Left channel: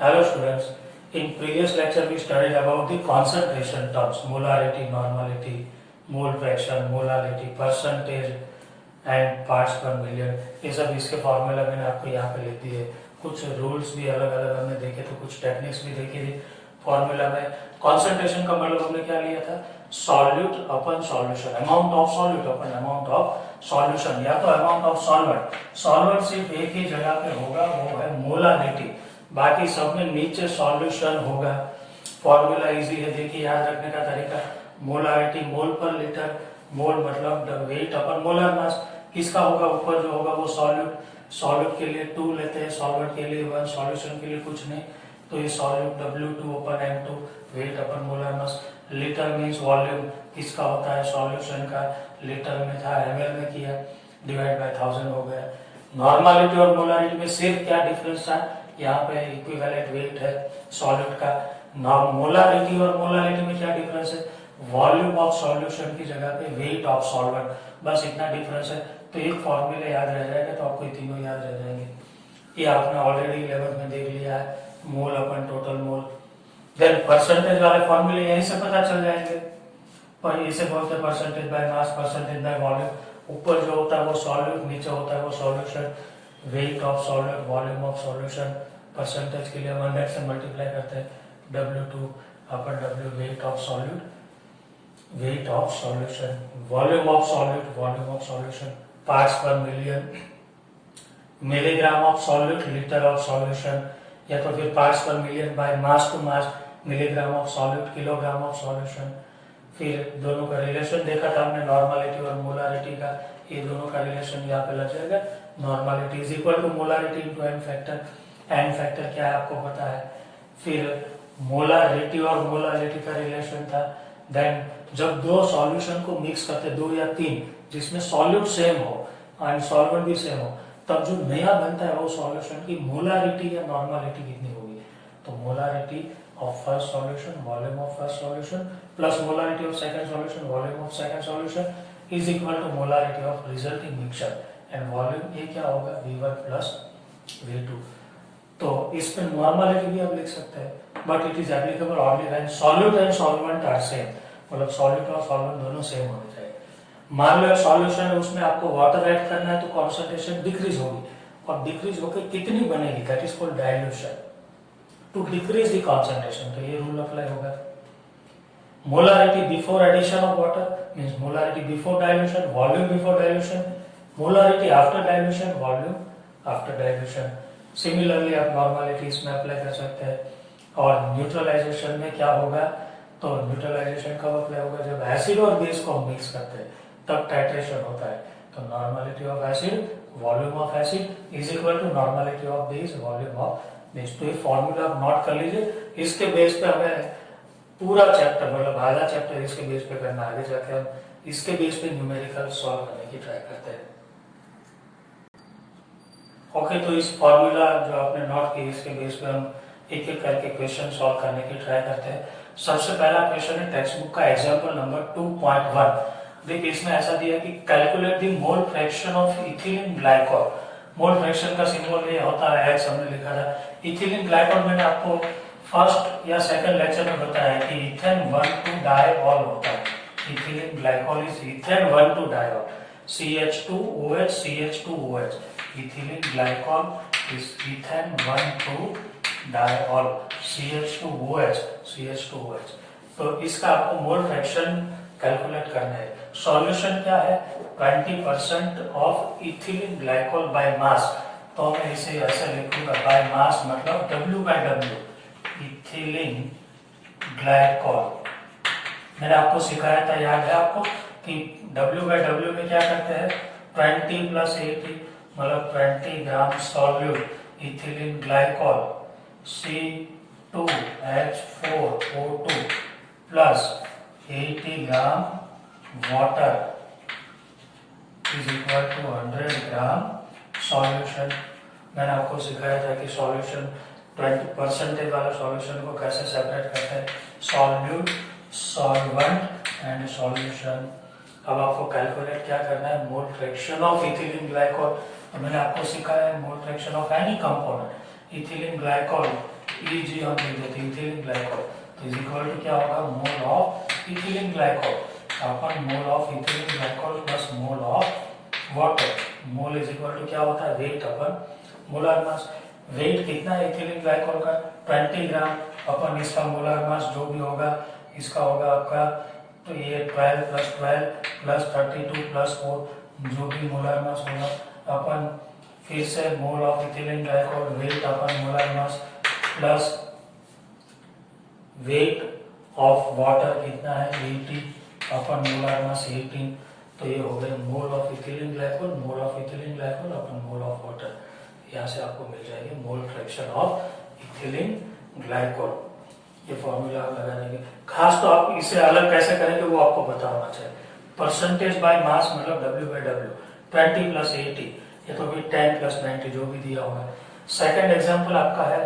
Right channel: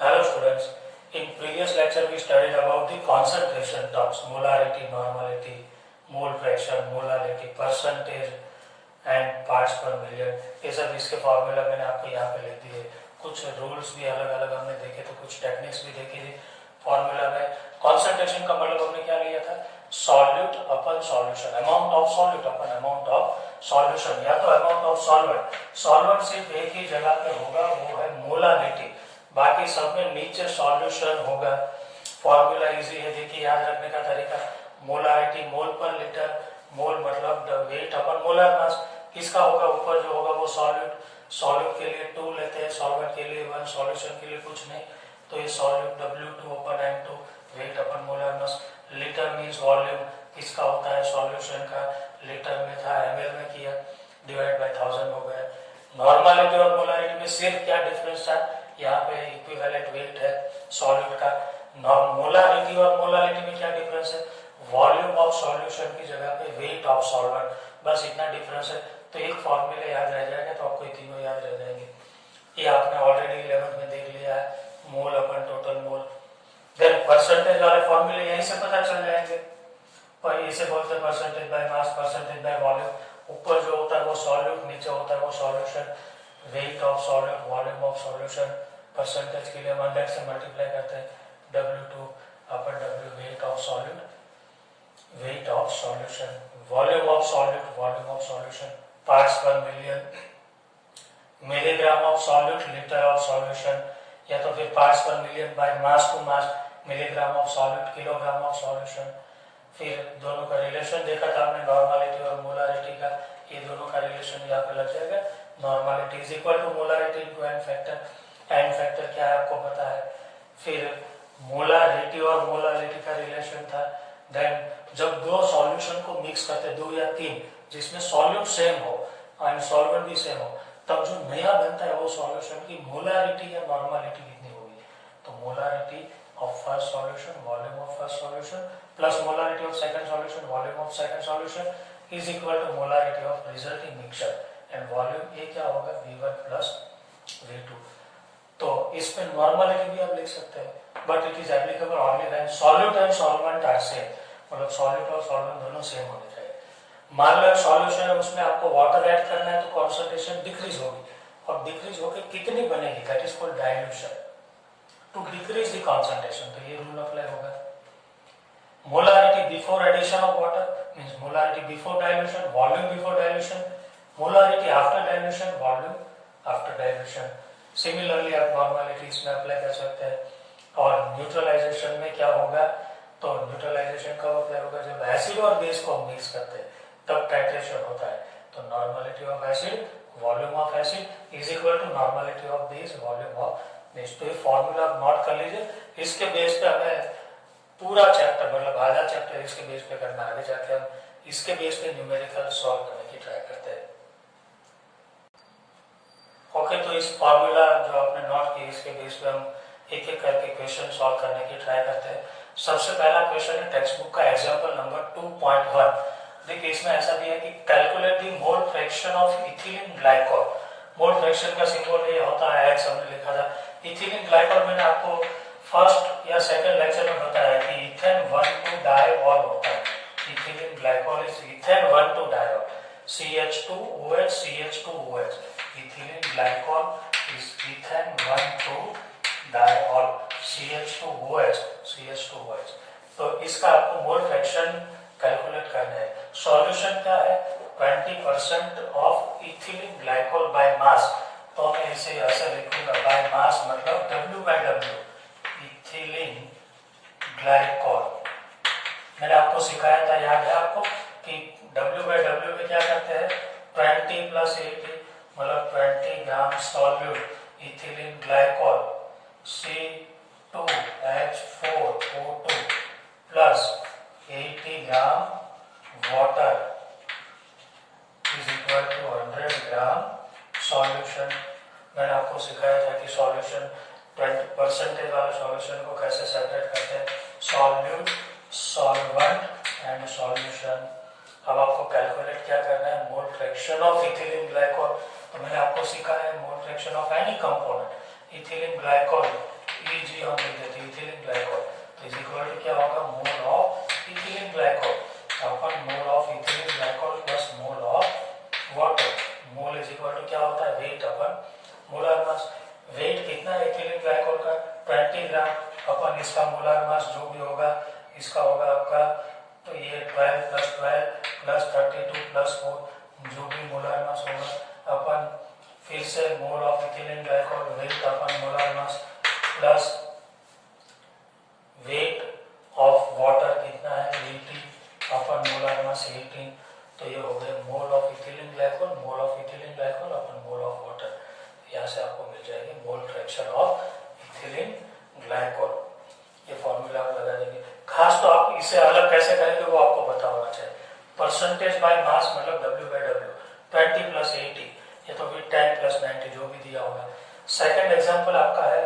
Hello students, in previous lecture we studied about the concentration terms, molarity, normality, mole fraction, molality, percentage and parts per million. ये सब इसके formula मैंने आपको यहाँ पे लिख दिए। कुछ रूल्स भी अलग अलग हमने देखे थे, कुछ टेक्निक्स भी देखी थी फॉर्मूला में। कॉन्सेंट्रेशन का मतलब हमने क्या लिया था, solute upon solution, amount of solute upon amount of solution, या तो अमाउंट ऑफ सॉल्वेंट। सॉल्वेंट सिर्फ एक ही जगह पे होगा, वो है मोलारिटी, बाकी सब में नीचे सॉल्यूशन होगा। फॉर्मूला इजी है, देखिए याद रखने का तरीका, मोलारिटी मोल पर लीटर, मोल मतलब the weight upon molar mass, किसका होगा ऊपर जो होगा वो सॉल्यूट, सॉल्यूट के लिए 2 लेते हैं, सॉल्वेंट के लिए 1, सॉल्यूशन के लिए कुछ नहीं, तो ये solute W2 upon M2, weight upon molar mass. Litre means volume, किसका होता है सॉल्यूशन का, लीटर में था ml में किया, डिवाइड बाय 1000 हो गया। नॉर्मलिटी और मोलारिटी में सिर्फ क्या डिफरेंस था, यहाँ पे इक्विवेलेंट वेट है सॉल्यूट का। मोलारिटी और मोलारिटी में क्या डिफरेंस है, वॉल्यूम ऑफ सॉल्यूशन की जगह पे वेट ऑफ सॉल्वेंट, बस इतना डिफरेंस है। तो एक फॉर्मूला याद रह जाएगा तो आपको ये तीनों याद रह जाएंगे। ये आपने ऑलरेडी 11th में देख लिया है, मोल अपन टोटल मोल। देन परसेंटेज वाले फॉर्मूले यहीं से पता चल जाएंगे, पर इसे बोलते हैं percentage by mass, percentage by volume. ऊपर जो होता है वो सॉल्यूट, नीचे होता है वो solution. Weight of solute, volume of solution, percentage के लिए 100 से मल्टीप्लाई करते हैं, W2 upon W, weight of solute, weight of solution, volume of solute, volume of solution, parts per million, milligram of solute, litre of solution, या तो फिर parts per million by mass to mass, milligram of solute, kilogram of solution. फिर दोनों का relation देखा था हमने, normality और मोलारिटी का, ये दोनों का रिलेशन यहाँ पे लग जाएगा। Normality is equal to molarity into n factor, n factor क्या है आपको पता है। फिर मोलारिटी और मोलारिटी का रिलेशन था। देन जब दो सॉल्यूशन को मिक्स करते, 2 या 3, जिसमें सॉल्यूट सेम हो एंड सॉल्वेंट भी सेम हो, तब जो नया बनता है वो सॉल्यूशन की मोलारिटी या नॉर्मलिटी कितनी होगी, तो molarity of first solution, volume of first solution, plus molarity of second solution, volume of second solution, is equal to molarity of resulting mixture, and volume ए क्या होगा, V1 प्लस V2। तो इस पे नॉर्मलिटी भी आप लिख सकते हैं, but it is applicable only when solute and solvent are same, मतलब सॉल्यूट और सॉल्वेंट दोनों सेम होने चाहिए। मान लो सॉल्यूशन है, उसमें आपको वाटर ऐड करना है, तो कॉन्सेंट्रेशन डिक्रीज होगी, और डिक्रीज होकर कितनी बनेगी, that is called dilution, to decrease the concentration. तो ये रूल अप्लाई होगा। Molarity before addition of water means molarity before dilution, volume before dilution, molarity after dilution, volume after dilution. Similarly आप normality इसमें apply कर सकते हैं। और neutralisation में क्या होगा, तो न्यूट्रलाइजेशन कब अप्लाई होगा, जब एसिड और बेस को मिक्स करते हैं तब टाइट्रेशन होता है। तो normality of acid, volume of acid is equal to normality of base, volume of base. तो ये फॉर्मूला आप नोट कर लीजिए, इसके बेस पे हमें पूरा चैप्टर, मतलब आधा चैप्टर इसके बेस पे करना, आगे जाके हम इसके बेस पे न्यूमेरिकल सॉल्व करने की ट्राई करते हैं। ओके, तो इस फॉर्मूला जो आपने नोट की, इसके बेस पे हम एक एक करके क्वेश्चन सॉल्व करने की ट्राई करते हैं। सबसे पहला क्वेश्चन है टेक्स्ट बुक का एग्जांपल नंबर 2.1। देखिए इसमें ऐसा दिया कि calculate the mole fraction of ethylene glycol. Mole fraction का सिंबल ये होता है X, हमने लिखा था। इथिलीन ग्लाइकोल मैंने आपको फर्स्ट या सेकंड लेक्चर में बताया कि इथेन 1,2-डाइऑल होता है। इथिलीन ग्लाइकोल इज इथेन 1,2-डाइऑल, CH2OH CH2OH। Ethylene glycol is ethane 1,2-डाइऑल, CH2OH CH2OH। तो इसका आपको मोल फ्रैक्शन कैलकुलेट करना है। सॉल्यूशन क्या है, 20% of ethylene glycol by mass. तो मैं इसे ऐसे लिखूंगा, बाय मास मतलब W/W, इथिलीन ग्लाइकोल। मैंने आपको सिखाया था, याद है आपको, कि W/W में क्या करते हैं, 20 + 80 मतलब 20 gram solute ethylene glycol, C2H4O2 plus 80 gram water is equal to 100 gram solution. मैंने आपको सिखाया था कि सॉल्यूशन 20% वाले सॉल्यूशन को कैसे सेपरेट करते हैं, सॉल्यूट, सॉल्वेंट एंड सॉल्यूशन। अब आपको कैलकुलेट क्या करना है, mole fraction of ethylene glycol. तो मैंने आपको सिखाया है mole fraction of any component, ethylene glycol Eg हम लिख देते इथिलीन ग्लाइकोल, तो इज इक्वल टू क्या होगा, mole of ethylene glycol upon mole of ethylene glycol plus mole of water. Mole is equal to क्या होता है, weight upon molar mass. Weight कितना है इथिलीन ग्लाइकोल का, 20 ग्राम। अपन इसका मोलर मास जो भी होगा इसका होगा आपका, तो ये 12 प्लस 12 प्लस 32 प्लस 4 जो भी मोलर मास होगा अपन फिर से mole of ethylene glycol weight upon molar mass plus weight of water कितना है 80 अपन मोलर मास 18, तो ये हो गए मोल of ethylene glycol, mole of ethylene glycol upon mole of water. यहाँ से आपको मिल जाएगी मोल फ्रैक्शन ऑफ इथिलीन ग्लाइकोल। ये फॉर्मूला आप लगा देंगे। खास तो आप इसे अलग कैसे करेंगे वो आपको पता होना चाहिए। परसेंटेज बाय मास मतलब W/W 20 प्लस 80, ये तो फिर 10 प्लस 90 जो भी दिया होगा। सेकंड एग्जांपल आपका है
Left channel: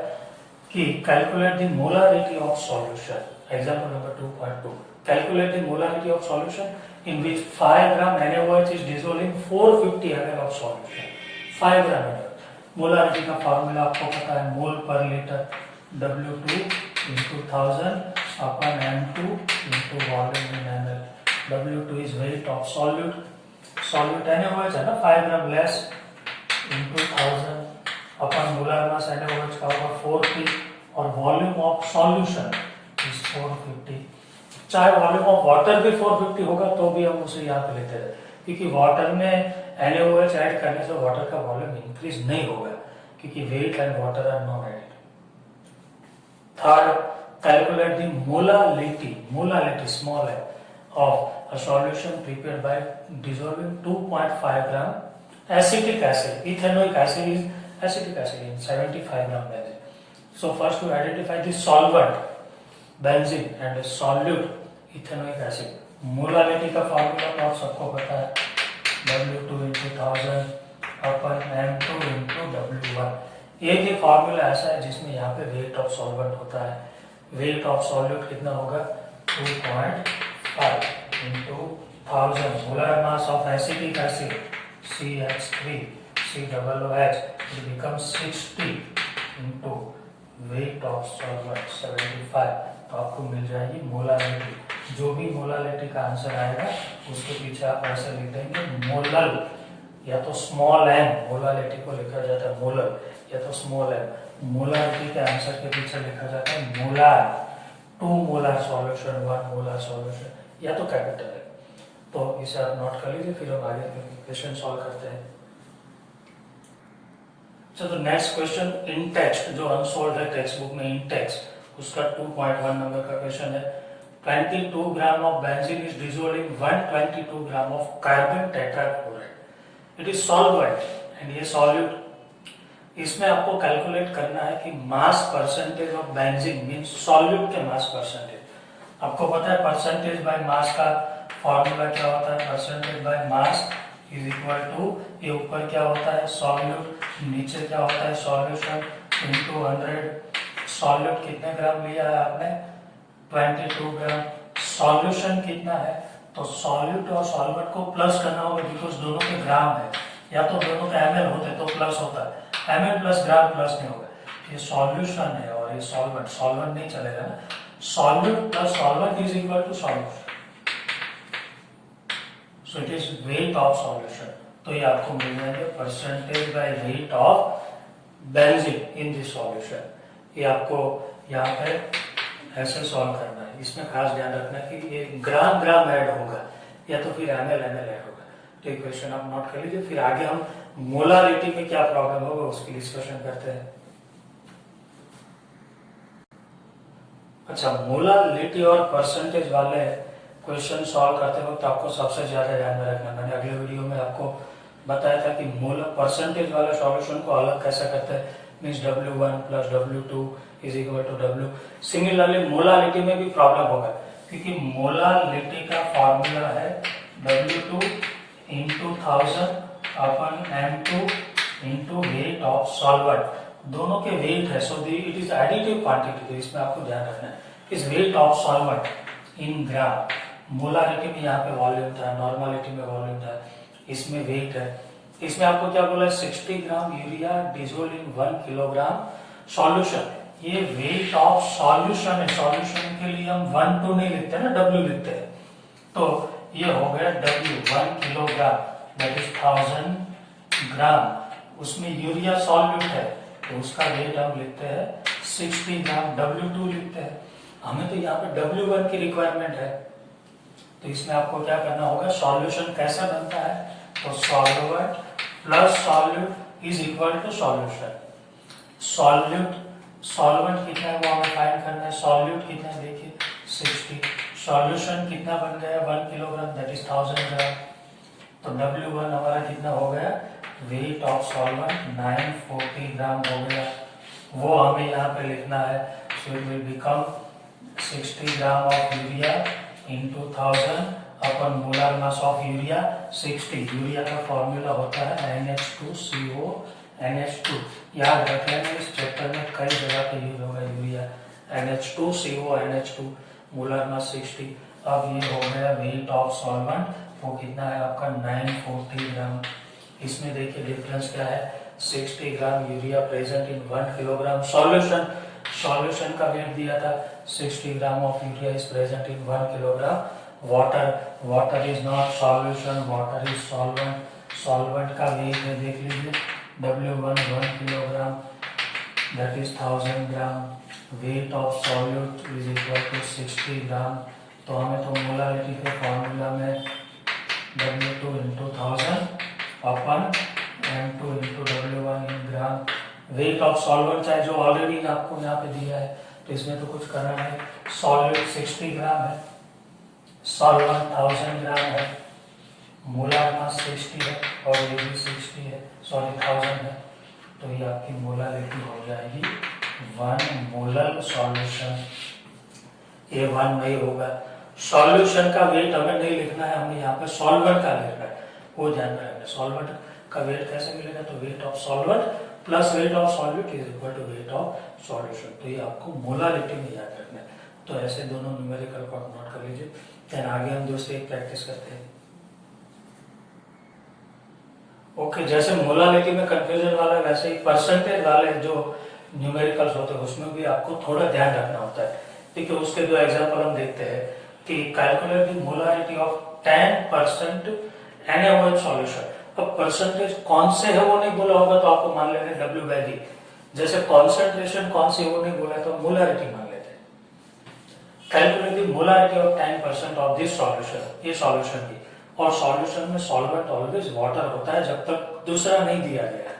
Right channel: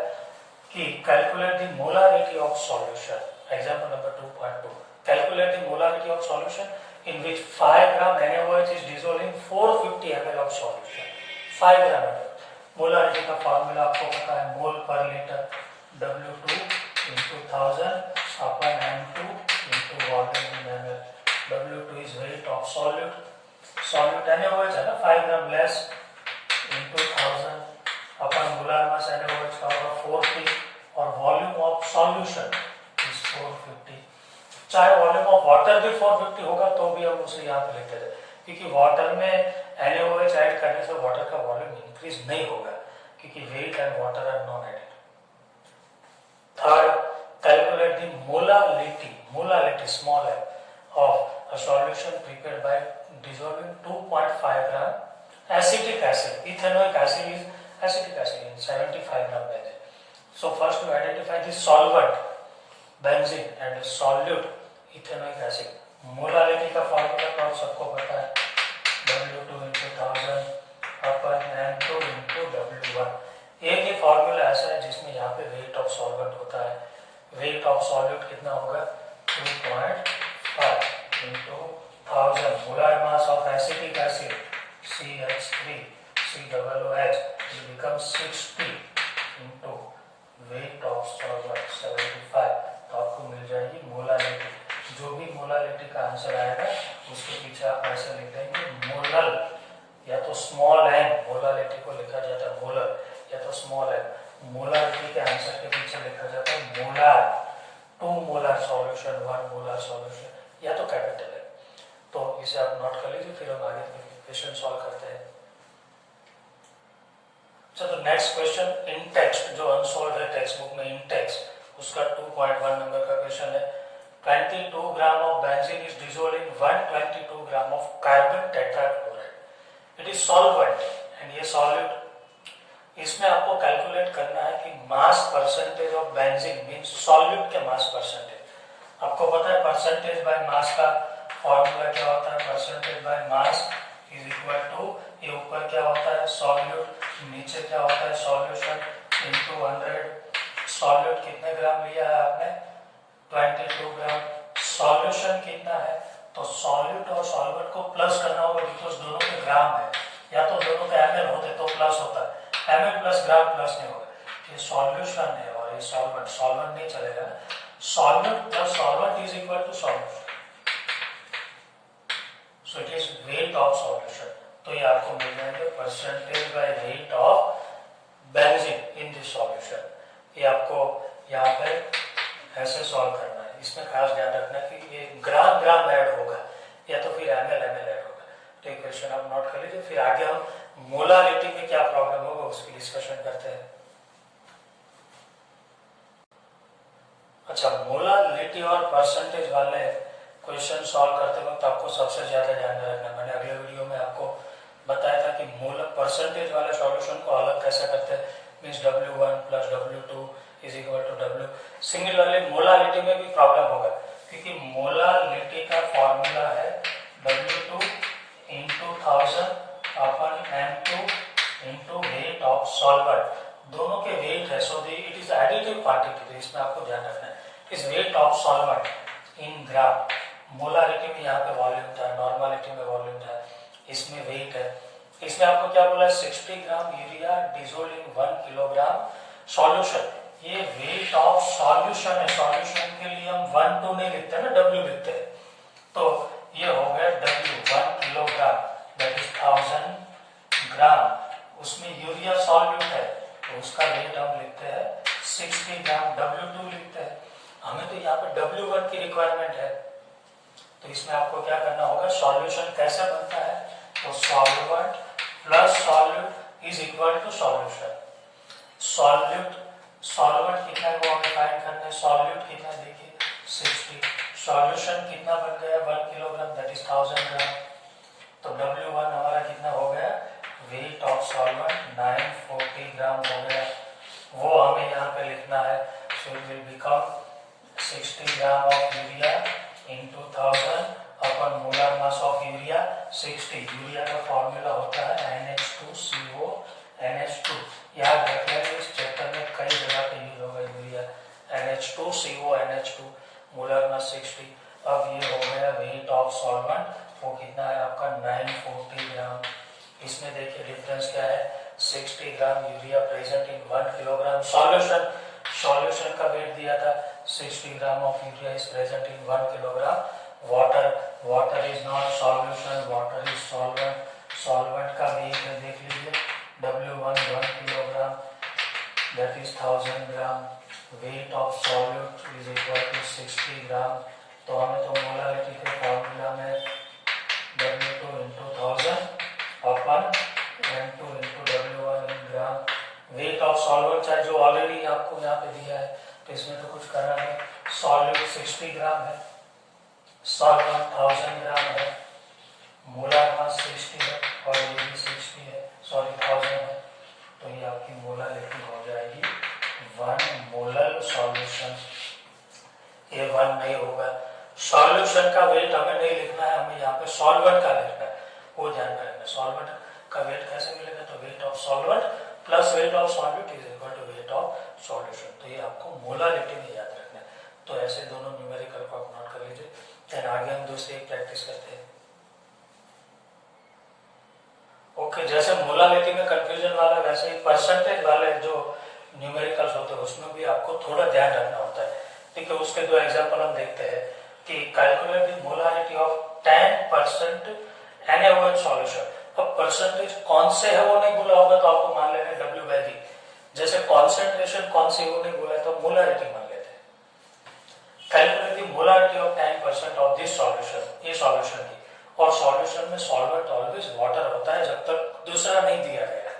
कि calculate the molarity of solution. Example number 2.2, calculate the molarity of solution in which 5 gram NaOH is dissolved in 450 ml of solution। 5 gram NaOH, molarity का फॉर्मूला आपको पता है, मोल पर litre W2 into 1000 upon M2 into volume in ml। W2 is weight of solute, solute NaOH है ना 5 ग्राम less into 1000 अपन molar मास NaOH का होगा 40 और वॉल्यूम ऑफ सॉल्यूशन इज 450। चाहे वॉल्यूम ऑफ वाटर भी 450 होगा तो भी हम उसे यहाँ पे लेते रहे, क्योंकि वाटर में NaOH ऐड करने से वाटर का वॉल्यूम इंक्रीज नहीं होगा, क्योंकि weight and water are non added. Third, calculate the molarity small है of a solution prepared by dissolving 2.5 gram acetic acid. Ethanoic acid is acetic acid in 75 gram benzene. So first to identify the solvent benzene and solute ethanoic acid. Molarity का formula तो आप सबको पता है, W2 into 1000 upon M2 into W1। एक ही formula ऐसा है जिसमें यहाँ पे वेट ऑफ सॉल्वेंट होता है। वेट ऑफ सॉल्यूट कितना होगा 2.5 into 1000 molar mass of acetic acid CH3 COOH it becomes 60 into wait of solvent 75, तो आपको मिल जाएगी मोलारिटी। जो भी मोलारिटी का आंसर आएगा उसके पीछे आप ऐसे लिख देंगे मोलल, या तो स्मॉल m, मोलारिटी को लिखा जाता है मोलल, या तो स्मॉल m। मोलारिटी के आंसर के पीछे लिखा जाता है molar, 2 molar solution 1 molar solution, या तो कैपिटल है। तो इसे आप नोट कर लीजिए, फिर हम आगे क्वेश्चन सॉल्व करते हैं। तो नेक्स्ट क्वेश्चन इन टेक्स्ट जो अनसोल्व है टेक्स्ट बुक में इन टेक्स्ट, उसका 2.1 नंबर का क्वेश्चन है। 22 gram of benzene is dissolved in 122 gram of carbon tetrachloride. It is solvent and ये सॉल्यूट। इसमें आपको कैलकुलेट करना है कि mass percentage of benzene means solute के मास परसेंटेज। आपको पता है परसेंटेज बाय मास का फॉर्मूला क्या होता है, percentage by mass is equal to, ये ऊपर क्या होता है सॉल्यूट, नीचे क्या होता है सॉल्यूशन इनटू 100। सॉल्यूट कितने ग्राम लिया है आपने 22 ग्राम। सॉल्यूशन कितना है, तो सॉल्यूट और सॉल्वेंट को प्लस करना होगा, बिकॉज दोनों के ग्राम है, या तो दोनों का ml होते तो प्लस होता है, ml प्लस ग्राम प्लस नहीं होगा। ये सॉल्यूशन है और ये सॉल्वेंट, सॉल्वेंट नहीं चलेगा ना। Solute plus solvent is equal to solution, so it is weight of solution. तो ये आपको मिल जाएगा percentage by weight of benzene in this solution. ये आपको यहाँ पे ऐसे सॉल्व करना है। इसमें खास ध्यान रखना कि ये ग्राम ग्राम ऐड होगा या तो फिर ml ऐड होगा। तो ये क्वेश्चन आप नोट कर लीजिए, फिर आगे हम मोलारिटी में क्या प्रॉब्लम होगा उसकी डिस्कशन करते हैं। अच्छा, मोलारिटी और परसेंटेज वाले क्वेश्चन सॉल्व करते वक्त आपको सबसे ज्यादा ध्यान रखना, मैंने अगले वीडियो में आपको बताया था कि मोल परसेंटेज वाले सॉल्यूशन को अलग कैसे करते हैं, means W1 plus W2 is equal to W। Similarly molarity में भी प्रॉब्लम होगा, क्योंकि मोलारिटी का फॉर्मूला है W2 into 1000 upon M2 into wait of solvent. दोनों के वेट है, सो इट इज एडिटिव क्वांटिटी, तो इसमें आपको ध्यान रखना है। इस wait of solvent in gram, molarity में यहाँ पे वॉल्यूम था, नॉर्मलिटी में वॉल्यूम था, इसमें वेट है। इसमें आपको क्या बोला 60 ग्राम यूरिया डिसॉल्व्ड इन 1 किलोग्राम सॉल्यूशन। ये वेट ऑफ सॉल्यूशन है, सॉल्यूशन के लिए हम 1 2 नहीं लिखते ना, W लिखते हैं। तो ये हो गया W 1 किलोग्राम दैट इज 1000 ग्राम। उसमें यूरिया सॉल्यूट है तो उसका वेट हम लिखते हैं 60 ग्राम, W2 लिखते हैं। हमें तो यहाँ पे W1 की रिक्वायरमेंट है, तो इसमें आपको क्या करना होगा, सॉल्यूशन कैसे बनता है, तो solvent plus solute is equal to solution. Solvent कितना है वो हमें फाइंड करना है, सॉल्यूट कितना है देखिए 60, सॉल्यूशन कितना बन गया 1 किलोग्राम दैट इज 1000 ग्राम। तो W1 हमारा कितना हो गया, वेट ऑफ सॉल्वेंट 940 ग्राम हो गया, वो हमें यहाँ पे लिखना है। So it will become 60 gram of urea into 1000 upon molar mass of urea 60। Urea का फॉर्मूला होता है NH2CO NH2, याद रख लेना, इस चैप्टर में कई जगह पे यूज होगा urea, NH2CO NH2, molar mass 60। अब ये हो गया वेट ऑफ सॉल्वेंट, वो कितना है आपका 940 ग्राम। इसमें देखिए डिफरेंस क्या है, 60 gram urea present in 1 kilogram solution. Solution का वेट दिया था 60 gram of urea is present in 1 kilogram water is not solution, water is solvent. Solvent का वेट है देख लीजिए W1 1 किलोग्राम that is 1000 gram, weight of solute is equal to 60 gram. तो हमें तो मोलारिटी के फॉर्मूला में W2 into 1000 upon N2 into W1 in gram. Weight of solvent है जो ऑलरेडी आपको यहाँ पे दिया है, तो इसमें तो कुछ करना नहीं। सॉल्यूट 60 ग्राम है, सॉल्वेंट 1000 ग्राम है, मोलार मास 60 है और ये भी 60 है, सॉरी 1000 है। तो ये आपकी मोलारिटी हो जाएगी 1 मोलर सॉल्यूशन। ये 1 नहीं होगा, सॉल्यूशन का वेट हमें नहीं लिखना है, हमें यहाँ पे सॉल्वेंट का लिखना है, वो ध्यान में रखना। सॉल्वेंट का वेट कैसे मिलेगा, तो weight of solvent plus weight of solute is equal to weight of solution. तो ये आपको मोलारिटी में याद रखना है। तो ऐसे दोनों न्यूमेरिकल को आप नोट कर लीजिए। देन आगे हम दूसरी एक प्रैक्टिस करते हैं। ओके, जैसे मोलारिटी में कंफ्यूजन वाला वैसे ही परसेंटेज वाले जो न्यूमेरिकल्स होते हैं उसमें भी आपको थोड़ा ध्यान रखना होता है। देखिए उसके दो एग्जांपल हम देखते हैं कि calculate the molarity of 10% NaOH solution. अब परसेंटेज कौन से है वो नहीं बोला होगा तो आपको मान लेना W/V। जैसे कॉन्सेंट्रेशन कौन सी वो नहीं बोला तो मोलारिटी मान लेते हैं। Calculate the molarity of 10% of this solution, ये सॉल्यूशन की, और सॉल्यूशन में सॉल्वेंट ऑलवेज वाटर होता है जब तक दूसरा नहीं दिया गया है।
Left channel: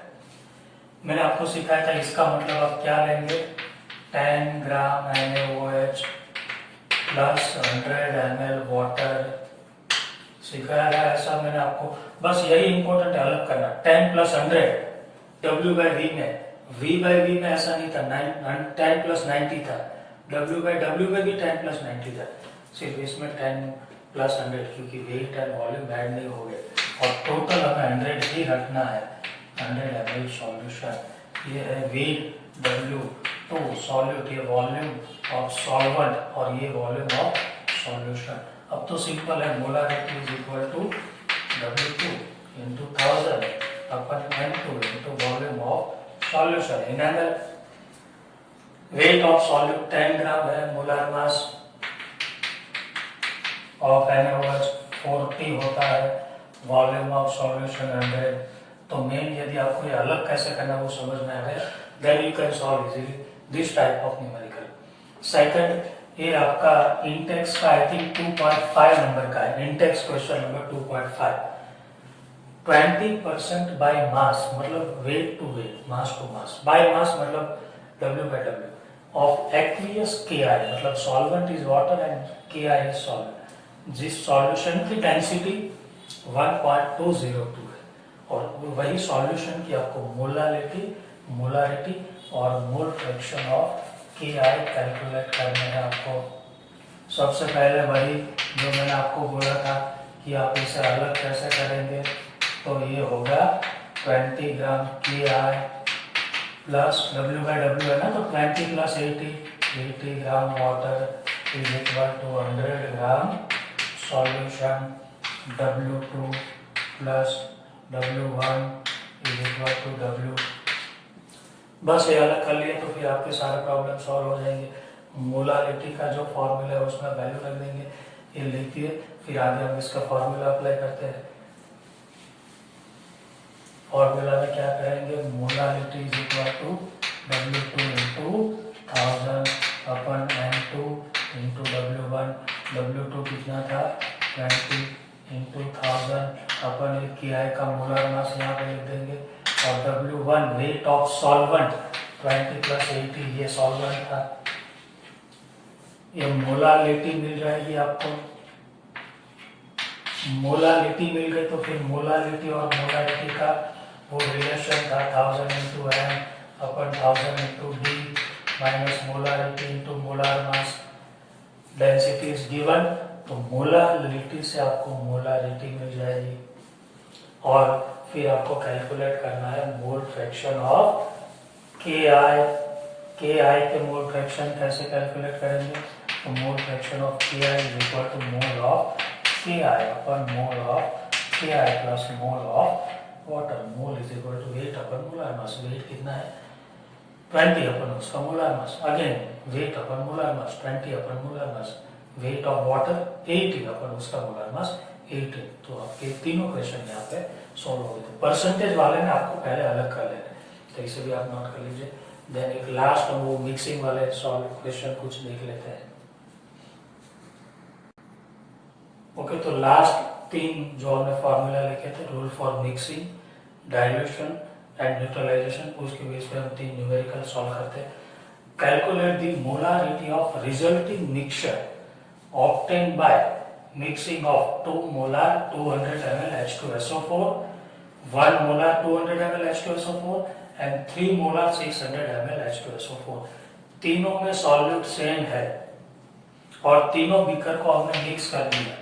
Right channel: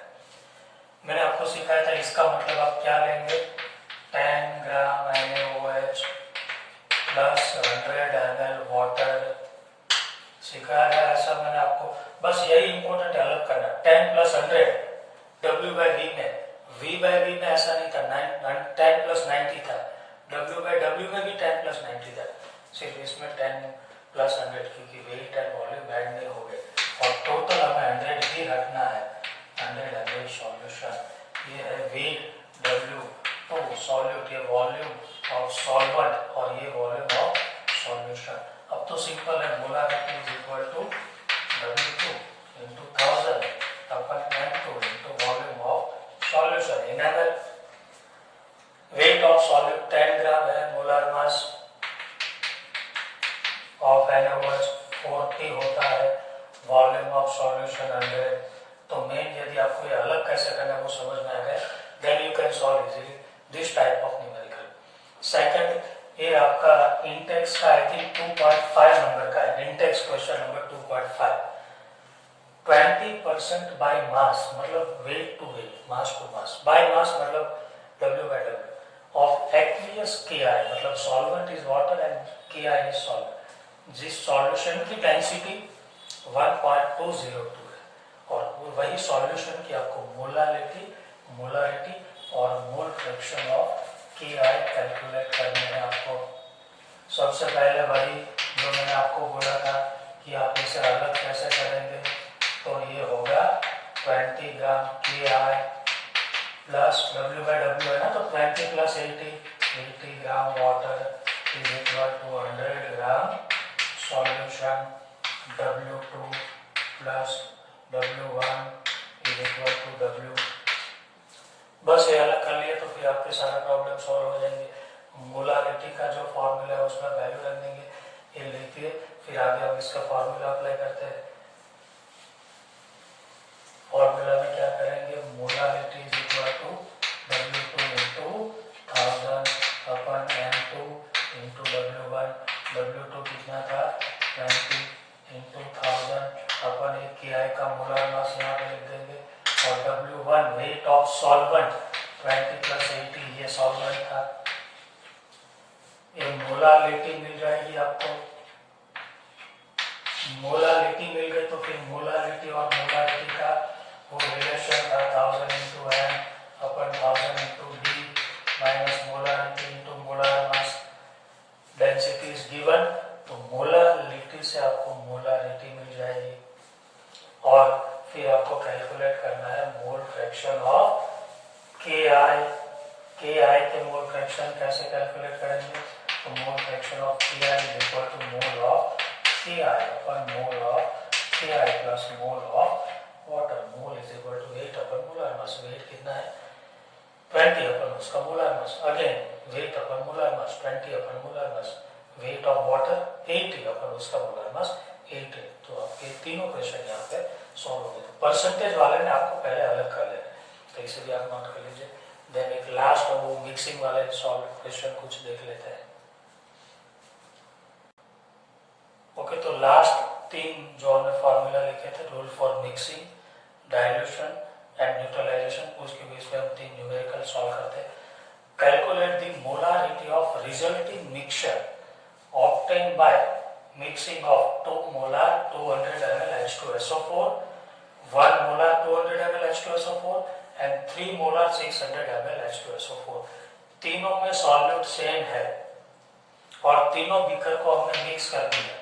मैंने आपको सिखाया था, इसका मतलब आप क्या लेंगे, 10 ग्राम NaOH प्लस 100 ml वाटर, सिखाया गया ऐसा मैंने आपको। बस यही इंपॉर्टेंट अलग करना, 10 प्लस 100 W/V में, V/V में ऐसा नहीं था, 10 प्लस 90 था, W/W में भी 10 प्लस 90 था, सिर्फ इसमें 10 प्लस 100 क्योंकि वेट एंड वॉल्यूम ऐड नहीं हो गए, और टोटल हमें 100 ही रखना है, 100 ml सॉल्यूशन। ये है वेट W2 सॉल्यूट, ये वॉल्यूम ऑफ सॉल्वेंट और ये वॉल्यूम ऑफ सॉल्यूशन। अब तो सिंपल है, molarity is equal to W2 into 1000 upon N2 into volume of solution in ml। Weight of solute 10 gram है, मोलर मास ऑफ NaOH 40 होता है, volume of solution 100। तो main यदि आपको ये अलग कैसे करना है वो समझ में आ गया, then you can solve easily this type of numerical. Second, ये आपका इंटेक्स का आई थिंक 2.5 नंबर का है, intext question number 2.5। 20% by mass मतलब weight to weight, mass to mass, by mass मतलब W/W ऑफ एक्वियस KI, मतलब solvent is water and KI is solvent, जिस solution की डेंसिटी 1.202 है, और वही सॉल्यूशन की आपको मोलारिटी और mole fraction of KI calculate करने हैं आपको। सबसे पहले वही जो मैंने आपको बोला था कि आप इसे अलग कैसे करेंगे, तो ये होगा 20 ग्राम KI प्लस W/W है ना, तो 20 plus 80 gram water is equal to 100 gram solution, W2 plus W1 is equal to W। बस ये अलग कर लिए तो फिर आपके सारे प्रॉब्लम सॉल्व हो जाएंगे। मोलारिटी का जो फॉर्मूला है उसमें वैल्यू रख देंगे, ये लिखिए, फिर आगे हम इसका फॉर्मूला अप्लाई करते हैं। फॉर्मूला में क्या करेंगे, molarity is equal to W2 into 1000 upon M2 into W1। W2 कितना था 20 इंटू 1000 अपन एक KI का मोलर मास यहाँ पे लिख देंगे, और W1 wait of solvent 20 plus 80, ये सॉल्वेंट था। ये मोलारिटी मिल जाएगी आपको, मोलारिटी मिल गई तो फिर मोलारिटी और मोलारिटी का वो रिलेशन था 1000 into M upon 1000 into d minus molarity into molar mass, density is given, तो मोलारिटी से आपको मोलारिटी मिल जाएगी। और फिर आपको कैलकुलेट करना है mole fraction of KI। KI के मोल फ्रैक्शन कैसे कैलकुलेट करेंगे, तो mole fraction of KI is equal to mole of KI upon mole of KI plus mole of water. Mole is equal to weight upon molar mass, weight कितना है 20 upon उसका molar mass, again weight upon molar mass 20 upon molar mass, weight of water 80 upon उसका molar मास 80। तो आपके तीनों question यहाँ पे solve हो गए। तो परसेंटेज वाले ने आपको पहले अलग कर लेना है, तो इसे भी आप नोट कर लीजिए। देन एक लास्ट वो मिक्सिंग वाले सॉल्व क्वेश्चन कुछ देख लेते हैं। ओके, तो लास्ट तीन जो हमने फॉर्मूला लिखे थे, rule for mixing, dilution and neutralisation, उसके बेस पे हम तीन न्यूमेरिकल सॉल्व करते हैं। Calculate the molarity of resulting mixture obtained by mixing of 2 molar 200 ml H2SO4, 1 molar 200 ml H2SO4 and 3 molar 600 ml H2SO4। तीनों में सॉल्यूट सेम है और तीनों बीकर को हमने मिक्स कर दिया,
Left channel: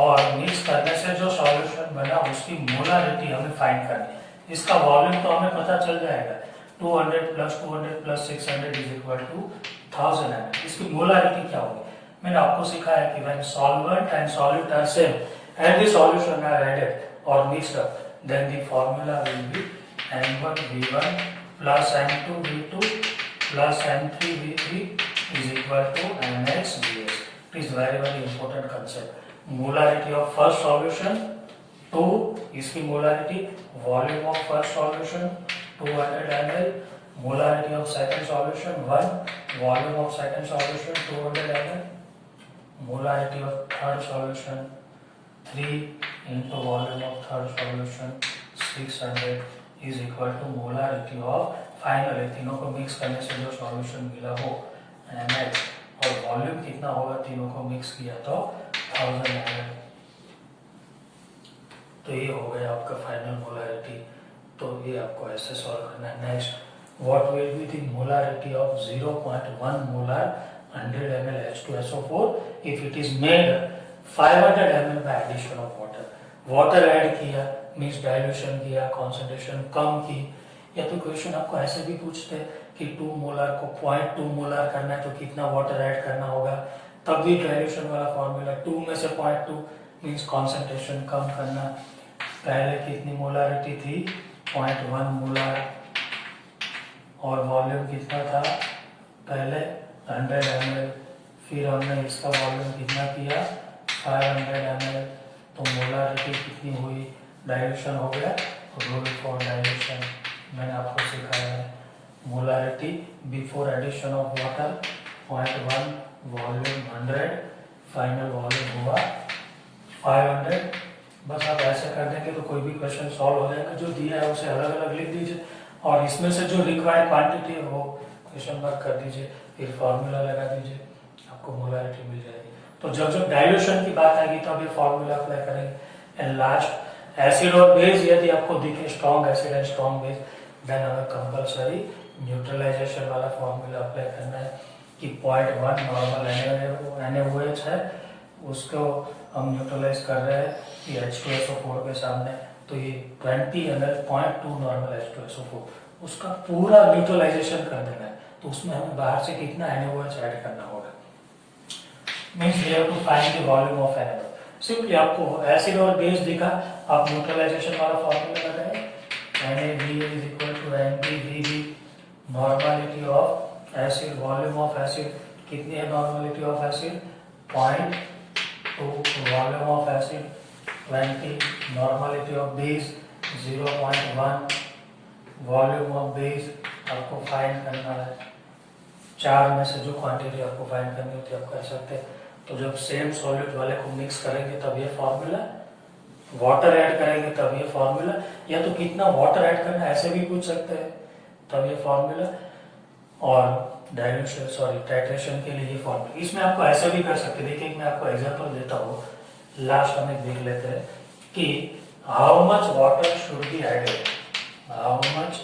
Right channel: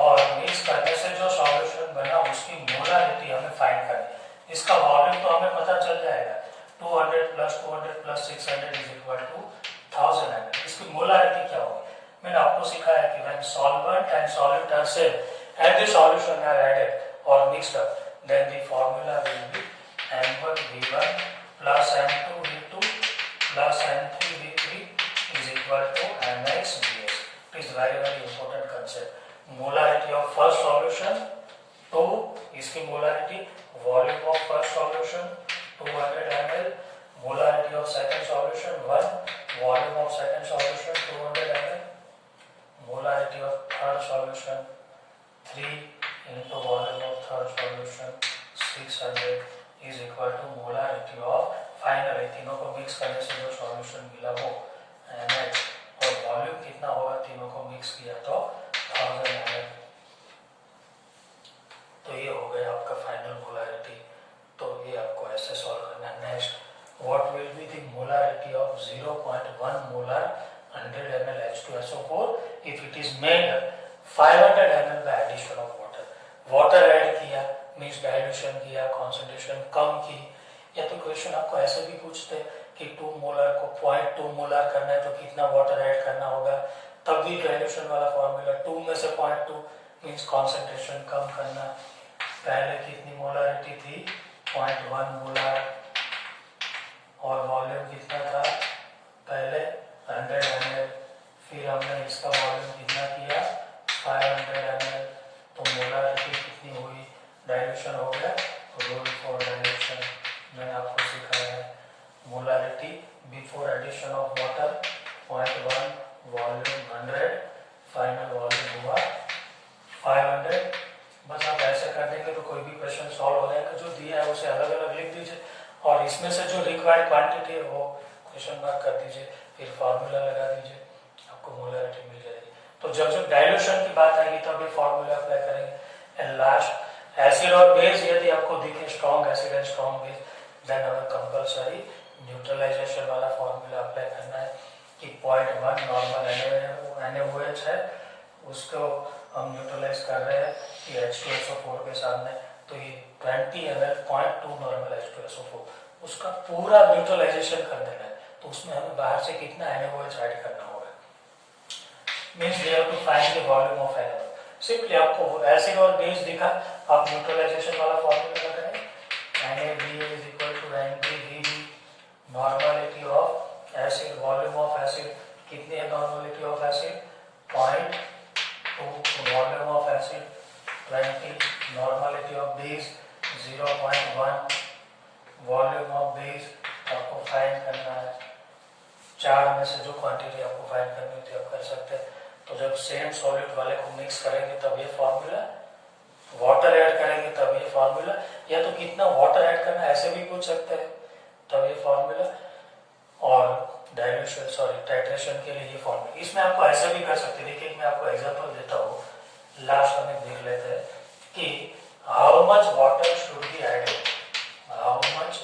और मिक्स करने से जो सॉल्यूशन बना उसकी मोलारिटी हमें फाइंड करनी है। इसका वॉल्यूम तो हमें पता चल जाएगा, 200 plus 200 plus 600 is equal to 1000 ml। इसकी मोलारिटी क्या होगी, मैंने आपको सिखाया कि when solvent and solute are same and the solution are added or mixed up, then the formula will be M1V1 plus M2V2 plus M3V3 is equal to MXVS। It is very important concept। Molarity of first solution 2, इसकी molarity, volume of first solution 200 ml, molarity of second solution 1, volume of second solution 200 ml, molarity of third solution 3 into volume of third solution 600 is equal to molarity of final, तीनों को mix करने से जो solution मिला वो MX, और volume कितना होगा तीनों को मिक्स किया तो 1000 ml। तो ये हो गया आपका फाइनल मोलारिटी। तो ये आपको ऐसे सॉल्व करना है। Next, what will be the molarity of 0.1 molar 100 ml H2SO4 if it is made 500 ml by addition of water। Water add किया मीन्स डाइल्यूशन किया, कॉन्सेंट्रेशन कम की। या तो क्वेश्चन आपको ऐसे भी पूछते हैं कि 2 मोलर को 0.2 मोलर करना है तो कितना वाटर ऐड करना होगा, तब भी डाइल्यूशन वाला फॉर्मूला 2 में से 0.2 मीन्स कॉन्सेंट्रेशन कम करना। पहले कितनी मोलारिटी थी 0.1 मोलर, और वॉल्यूम कितना था पहले 100 ml, फिर हमने इसका वॉल्यूम कितना किया 500 ml, तो मोलारिटी कितनी हुई, डाइल्यूशन हो गया। रूल फॉर डाइल्यूशन मैंने आपको सिखाया है, molarity before addition of water 0.1, volume 100, final volume हुआ 500। बस आप ऐसा कर देंगे तो कोई भी क्वेश्चन सॉल्व हो जाएगा। जो दिया है उसे अलग अलग लिख दीजिए, और इसमें से जो रिक्वायर्ड क्वांटिटी है वो क्वेश्चन मार्क कर दीजिए, फिर फॉर्मूला लगा दीजिए, आपको मोलारिटी मिल जाएगी। तो जब जब डाइल्यूशन की बात आएगी तब ये फॉर्मूला अप्लाई करेंगे। एंड लास्ट, एसिड और बेस, यदि आपको दिखे strong acid and strong base, then हमें कंपलसरी न्यूट्रलाइजेशन वाला फॉर्मूला अप्लाई करना है कि 0.1 नॉर्मल NaOH है, उसको हम न्यूट्रलाइज कर रहे हैं कि H2SO4 के सामने, तो ये 20 ml 0.2 नॉर्मल H2SO4, उसका पूरा न्यूट्रलाइजेशन कर देना है। तो उसमें हमें बाहर से कितना NaOH ऐड करना होगा, means we have to find the volume of NaOH। Simply आपको एसिड और बेस दिखा, आप न्यूट्रलाइजेशन वाला फॉर्मूला लगाए, NaVA is equal to NBVB, normality of acid, volume of acid कितनी है normality of acid 0.2, volume of acid 20, normality of base 0.1, volume of base आपको find करना है। चार में से जो क्वांटिटी आपको फाइंड करनी होती है आप कर सकते हैं। तो जब सेम सॉलिड वाले को मिक्स करेंगे तब ये फॉर्मूला, वाटर ऐड करेंगे तब ये फॉर्मूला, या तो कितना वाटर ऐड करना है ऐसे भी पूछ सकते हैं तब ये फॉर्मूला, और डाइल्यूशन सॉरी टाइट्रेशन के लिए ये फॉर्मूला। इसमें आपको ऐसे भी कर सकते हैं। देखिए मैं आपको एग्जांपल देता हूँ, लास्ट हम एक देख लेते हैं कि how much water should be added, how much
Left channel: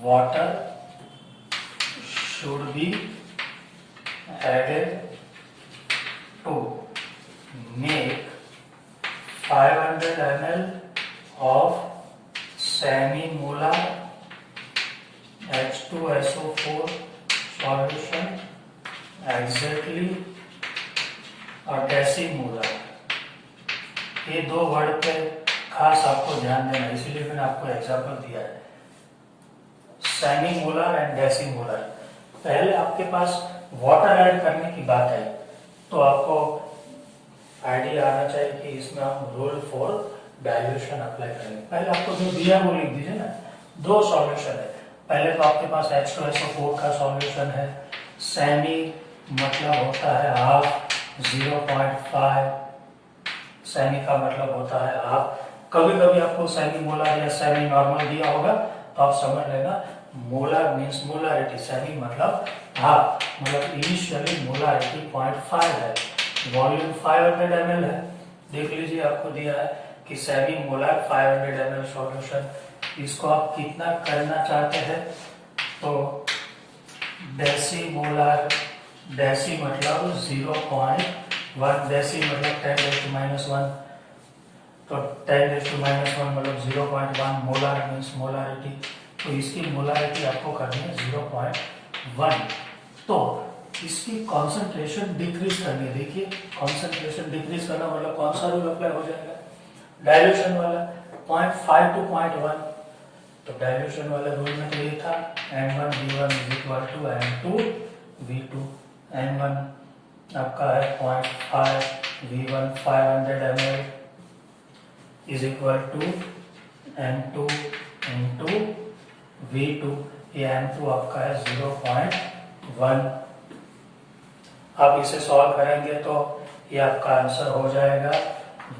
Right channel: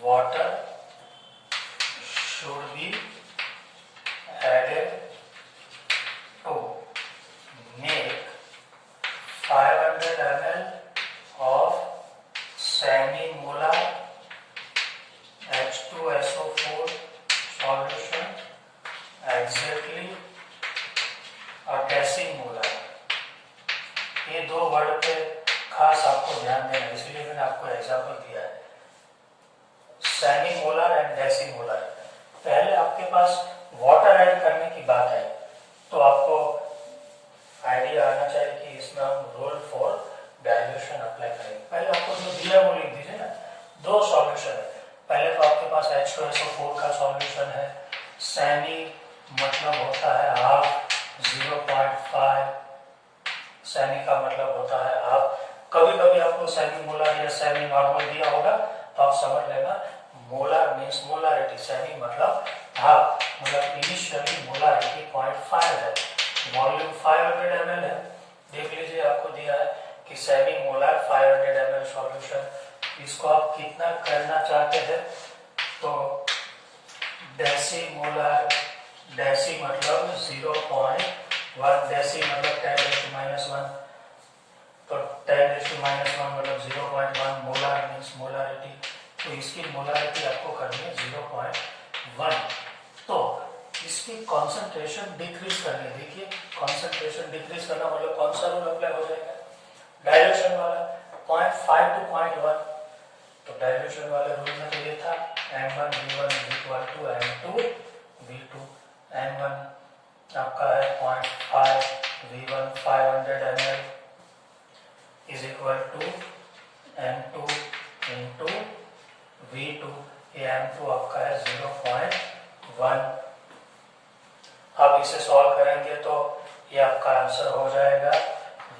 water should be added to make 500 ml of semi-molar H2SO4 solution exactly और डेसीमोलर। ये दो वर्ड पे खास आपको ध्यान देना, इसीलिए मैंने आपको एग्जांपल दिया है, सेमी मोलर एंड डेसीमोलर। पहले आपके पास वाटर ऐड करने की बात आई तो आपको आइडिया आना चाहिए कि इसमें हम रूल फॉर डाइल्यूशन अप्लाई करेंगे। पहले आपको जो दिया वो लिख दीजिए ना, दो सॉल्यूशन है। पहले तो आपके पास H2SO4 का सॉल्यूशन है, सेमी मतलब होता है हाफ, 0.5 सेमी का मतलब होता है हाफ। कभी कभी आपको सेमी मोलर या सेमी नॉर्मल दिया होगा तो आप समझ लेना मोलर मीन्स मोलरिटी, सेमी मतलब हाफ, मतलब इनिशियली मोलरिटी 0.5 है, वॉल्यूम 500 ml है। देख लीजिए आपको दिया है कि सेमी मोलर 500 ml सॉल्यूशन, इसको आप कितना करना चाहते हैं तो डेसी मोलर, डेसी मतलब 0.1, डेसी मतलब 10⁻⁻1, तो 10⁻⁻1 मतलब 0.1, मोलर मीन्स मोलरिटी, तो इसकी मोलरिटी आपको करनी है 0.1। तो इसकी कॉन्सेंट्रेशन डिक्रीज करनी है। देखिए कॉन्सेंट्रेशन डिक्रीज करना मतलब कौन सा रूल अप्लाई हो जाएगा, डाइल्यूशन वाला, 0.5 to 0.1। तो डाइल्यूशन वाले रूल में तो ये था M1V1 = M2V2, M1 आपका है 0.5, V1 500 ml is equal to M2 into V2, ये M2 आपका है 0.1। आप इसे सॉल्व करेंगे तो ये आपका आंसर हो जाएगा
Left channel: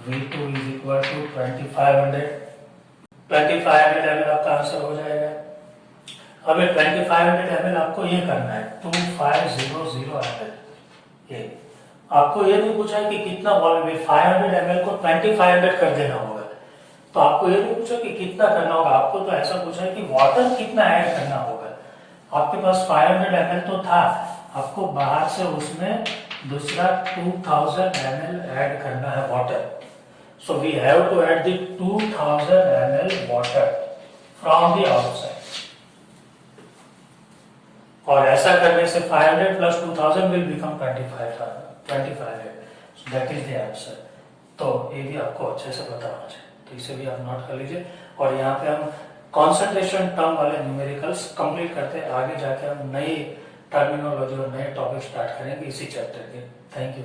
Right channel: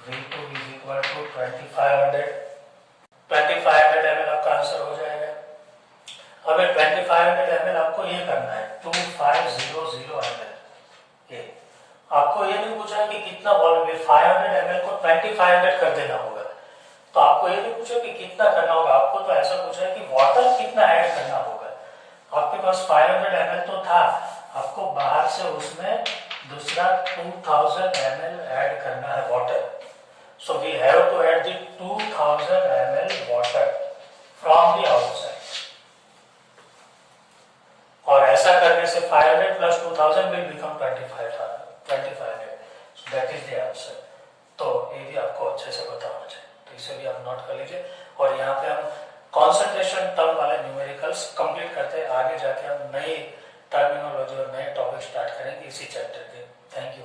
V2 is equal to 2500 ml आपका आंसर हो जाएगा। अब 2500 ml आपको ये करना है 2500 ml। ये आपको ये नहीं पूछा है कि कितना वॉल्यूम है, 500 ml को 2500 कर देना होगा। तो आपको ये नहीं पूछा कि कितना करना होगा, आपको तो ऐसा पूछा है कि वाटर कितना ऐड करना होगा। आपके पास 500 ml तो था, आपको बाहर से उसमें दूसरा 2000 ml ऐड करना है water. So we have to add the 2000 ml water from the outside. और ऐसा करने से 500 plus 2000 will become 2500. So that is the answer. तो ये भी आपको अच्छे से पता होना चाहिए, तो इसे भी आप नोट कर लीजिए। और यहाँ पे हम कॉन्सेंट्रेशन टर्म वाले न्यूमेरिकल्स कंप्लीट करते हैं, आगे जाके हम नई टर्मिनोलॉजी और नए टॉपिक स्टार्ट करेंगे इसी चैप्टर के। Thank you.